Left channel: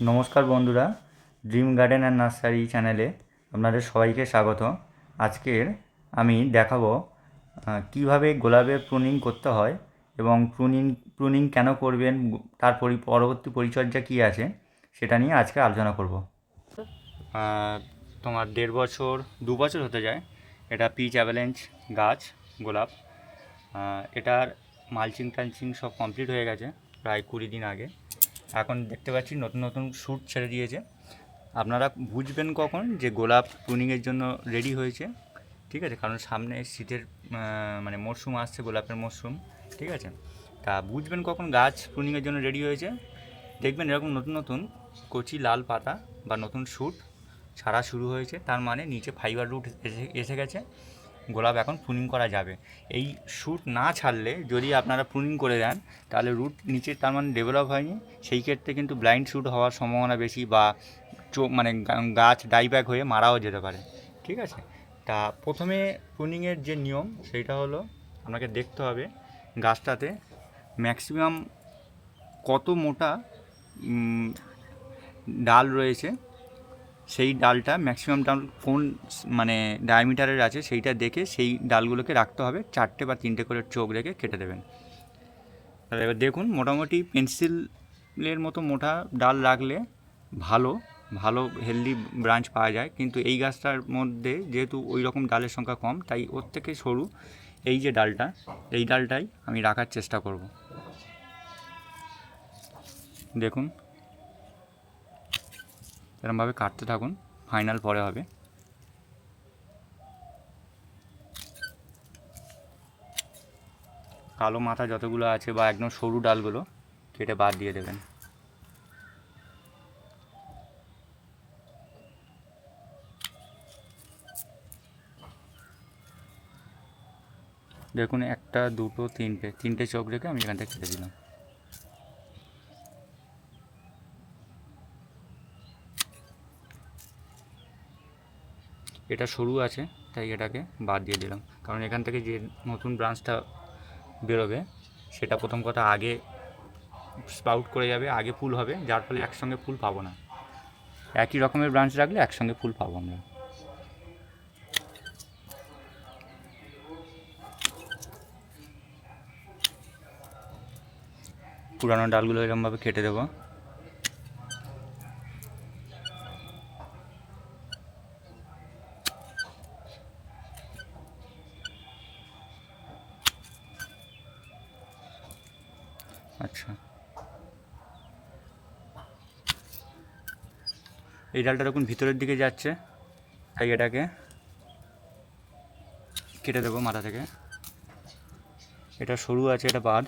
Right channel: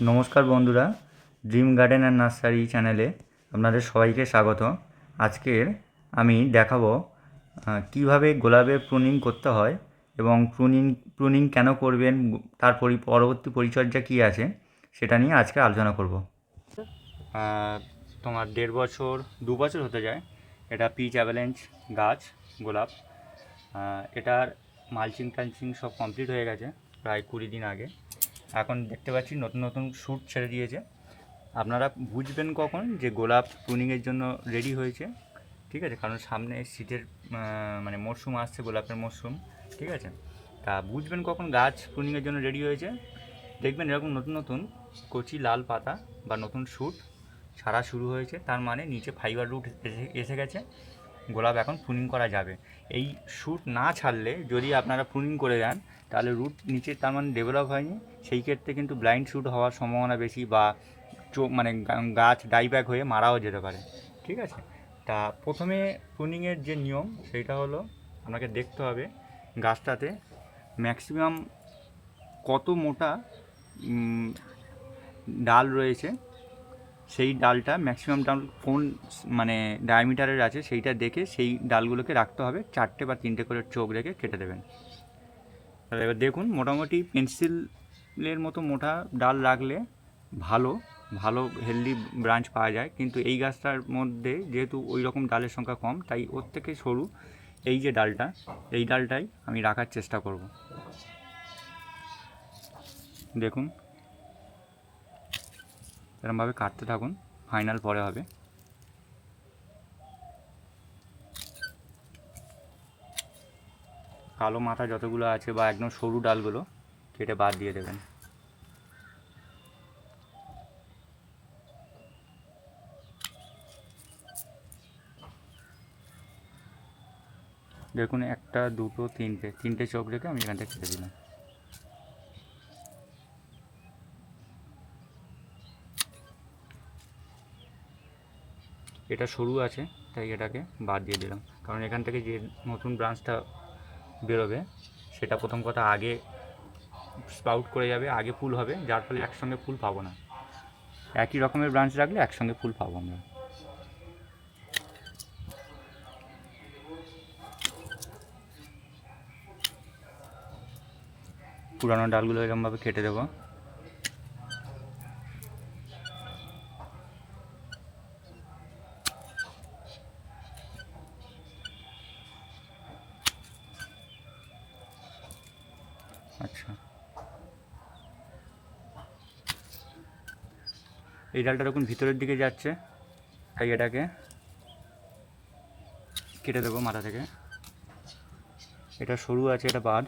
নমস্কার বন্ধুরা dream garden and nursery চ্যানেলে আপনাদের সবাইকে স্বাগত। আজকের আমি দেখাবো কীভাবে গোলাপের প্রুনিং করতে হয় এবং প্রুনিং প্রুনিং কেন করবেন, তার পরি, পরবর্তী পরিচর্যা কী আছে, সেটা নিয়ে আজকে আলোচনা করব। তোমার দেড় বছর, দু বছর হতে যায়, এটা পিচ অ্যাভেলেঞ্চ গাছ, গোলাপ। এটার মালচিং টালচিং সব কমপ্লিট হয়ে গেছে, প্রায় কুড়ি দিন আগে। এখন দেখতে পাচ্ছি নতুন নতুন শ্যুট ছেড়ে দিয়েছে। আপনারা বুঝবেন কখন যে গোলাপ প্রুনিংয়ের জন্য রেডি হয়েছে, ঠিক আছে? কারণ সামনে শীতের মানে মরশুম আসছে, গোলাপের মরশুম ঠিক আছে? তা বুঝবেন কখন গাছ প্রুনিংয়ের জন্য রেডি হয়েছে। দেখবেন এরকম নতুন নতুন কচি লাল পাতা বা নতুন শ্যুট ছাড়া শুরু হয়েছে। তার মানে নিচে ফাইবার রুট এসে গেছে। গোলাপ এখন প্রুনিং করা যাবে। এই শ্যুট না ছাড়লে যদি আপনারা প্রুনিং করে দেন, তাহলে রুট নিচে তার মানে ডেভেলপ হয়নি। সেই ক্ষেত্রে কিন্তু ব্লাইন্ড শ্যুট হওয়ার সম্ভাবনা বেশি বা মানে গাছ ডাইব্যাক হয়ে মারাও যেতে পারে। ঠিক আছে? তা প্রথমে প্রুনিংয়ের যে নিয়ম, সেটা হলো আপনাকে দেখতে হবে গাছটাতে ম্যাক্সিমাম কত মোটা ডাল রয়েছে। সেই ডালটা ম্যাক্সিমাম ডাল কোন মানে ডায়ামিটারের আছে সেইটা দেখে সেই ডালগুলোকে রাখতে হবে চারটে বা তিনটে করে চোখ রেখে কেটে দেবেন। আর এবার দেখুন মোটামুটি পেন্সিলের মতো মোটা ডাল রাখলে ভালো ভালো হেলদি ব্রাঞ্চ পাওয়া যায়। কিন্তু এই গাছটার মধ্যে যেহেতু ওই রকম ডালের সংখ্যা কম, তাই ওর থেকে সরু এই যে ডালটা, এই ডালটাই আমি রাখার চেষ্টা করব। দেখুন এরমভাবে কাটতে থাকুন, ফাইনাল পরে হবে। কালো মাথা যতগুলো আছে বা একদম সরু ডালগুলো, কেটে বাদ দিয়ে দেবেন। দেখুন, একটা, দুটো, তিনটে তিনটে চোখ রেখে আমি এখান থেকে কেটে দিলাম। এটা সরু আছে, তাই এটাকে বাদ দিয়ে দিলাম। কারণ এখান থেকে যে নতুন ব্রাঞ্চটা বেরোবে, সেটা প্রথম কথা আগে স্পাউট করে যাবে, আগে ফুল হবে, যার ফলে একসঙ্গে ফুল পাবো না। একই রকমের ব্রাঞ্চ রাখলে একসঙ্গে ফুল পাবো আমরা পুরানো ডালগুলো এরকমভাবে কেটে দেবো। আচ্ছা। এই ডালটা দেখুন ভিতরের দিকে যাচ্ছে, তাই এটাকে কেটে দেবো মাথা থেকে। এটা সরু আছে, এটা বাদ।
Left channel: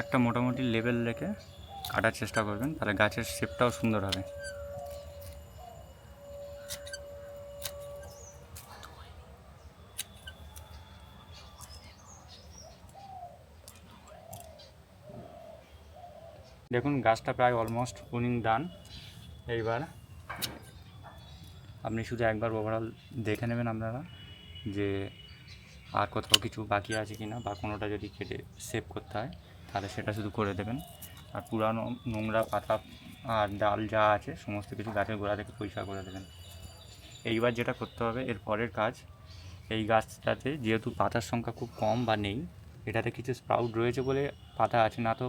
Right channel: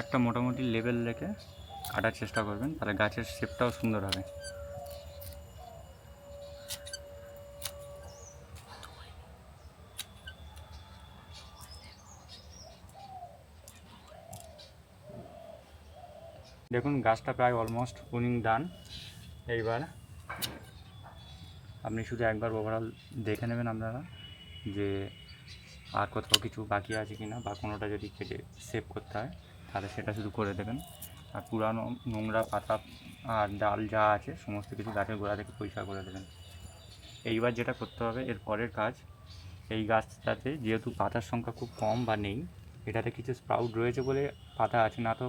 একটা মোটামুটি লেভেল রেখে কাটার চেষ্টা করবেন, তাহলে গাছের শেপটাও সুন্দর হবে। দেখুন, গাছটা প্রায় অলমোস্ট পুনিং ডান এইবার আপনি শুধু একবার ওভারঅল দেখে নেবেন আপনারা যে আর কোথাও কিছু বাকি আছে কি না বা কোনোটা যদি কেটে সেভ করতে হয়। তাহলে সেটা শুধু করে দেবেন। আর পুরানো নোংরা পাতা আর ডাল যা আছে, সমস্ত কিছু গাছের গোড়া থেকে পরিষ্কার করে দেবেন। এইবার যেটা করতে হবে, এর পরের কাজ, এই গাছটাতে যেহেতু পাতার সংখ্যা খুব কম বা নেই, এটাতে কিছু স্প্রাউট রয়েছে বলে পাতা আছে, না তো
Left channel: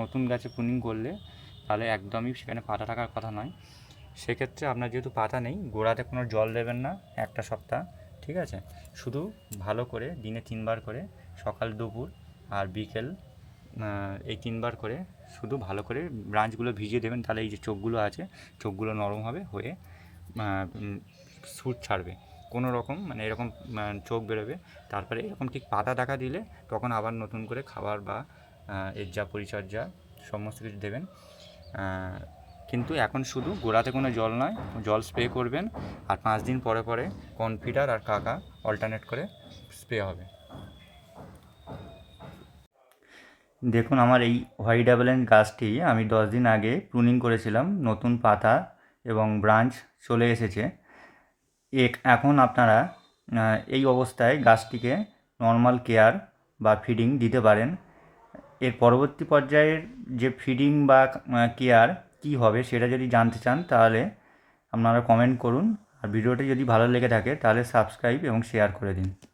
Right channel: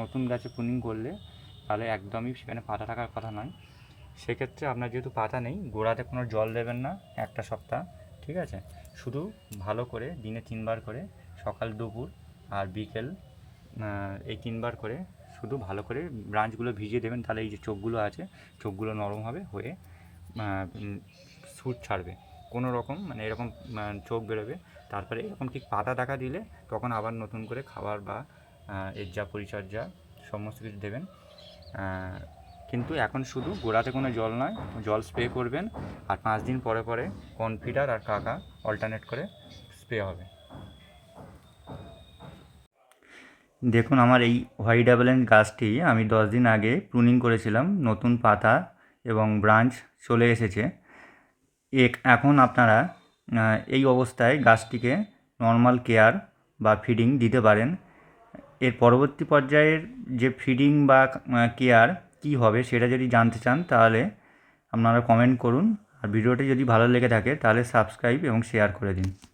নতুন গাছে পুনিং করলে তাহলে একদমই সেখানে পাতা থাকার কথা নয়। সেক্ষেত্রে আপনার যেহেতু পাতা নেই, গোড়াতে কোনো জল দেবেন না একটা সপ্তাহ, ঠিক আছে? শুধু ভালো করে দিনে তিনবার করে সকাল, দুপুর আর বিকেল এই তিনবার করে শুধু ভালো করে ব্রাঞ্চগুলো ভিজিয়ে দেবেন, তাহলে এই যে চোখগুলো আছে, চোখগুলো নরম হবে, হয়ে স্যুট ছাড়বে। কোনো রকম মানে এরকম চোখ বেরোবে। তারপরে এরকম ঠিক পাতা দেখা দিলে তখন আবার নতুন করে খাবার বা এর যা পরিচর্যা, সমস্ত কিছু দেবেন। কিন্তু এখন শুধু গোড়াতে কোনো জল নয়, জল স্প্রে করবেন, আর পাঁচ দিন পরে পরে কনফিডার আর কাকা অল্টারনেট করে স্প্রে হবে। দেখুন, আমার এই হোয়াইট অ্যাভেলেন্ট গাছটি আমি দশ দিন আগে প্রুনিং করেছিলাম, নতুন পাতা এবং ব্রাঞ্চ চলে এসেছে। এক- এখন আপনারা এই অবস্থায় গাছটিকে নর্মাল কেয়ার বা ফিডিং দিতে পারেন। এর পরবর্তী পর্যায়ের যে ফিডিং বা কেয়ার কী হবে সেটা যদি জানতে চান, তাহলে আপনারা কমেন্ট করুন। আর ভিডিওটি যদি ভালো লেগে থাকে, তাহলে সাবস্ক্রাইব এবং শেয়ার করে দিন।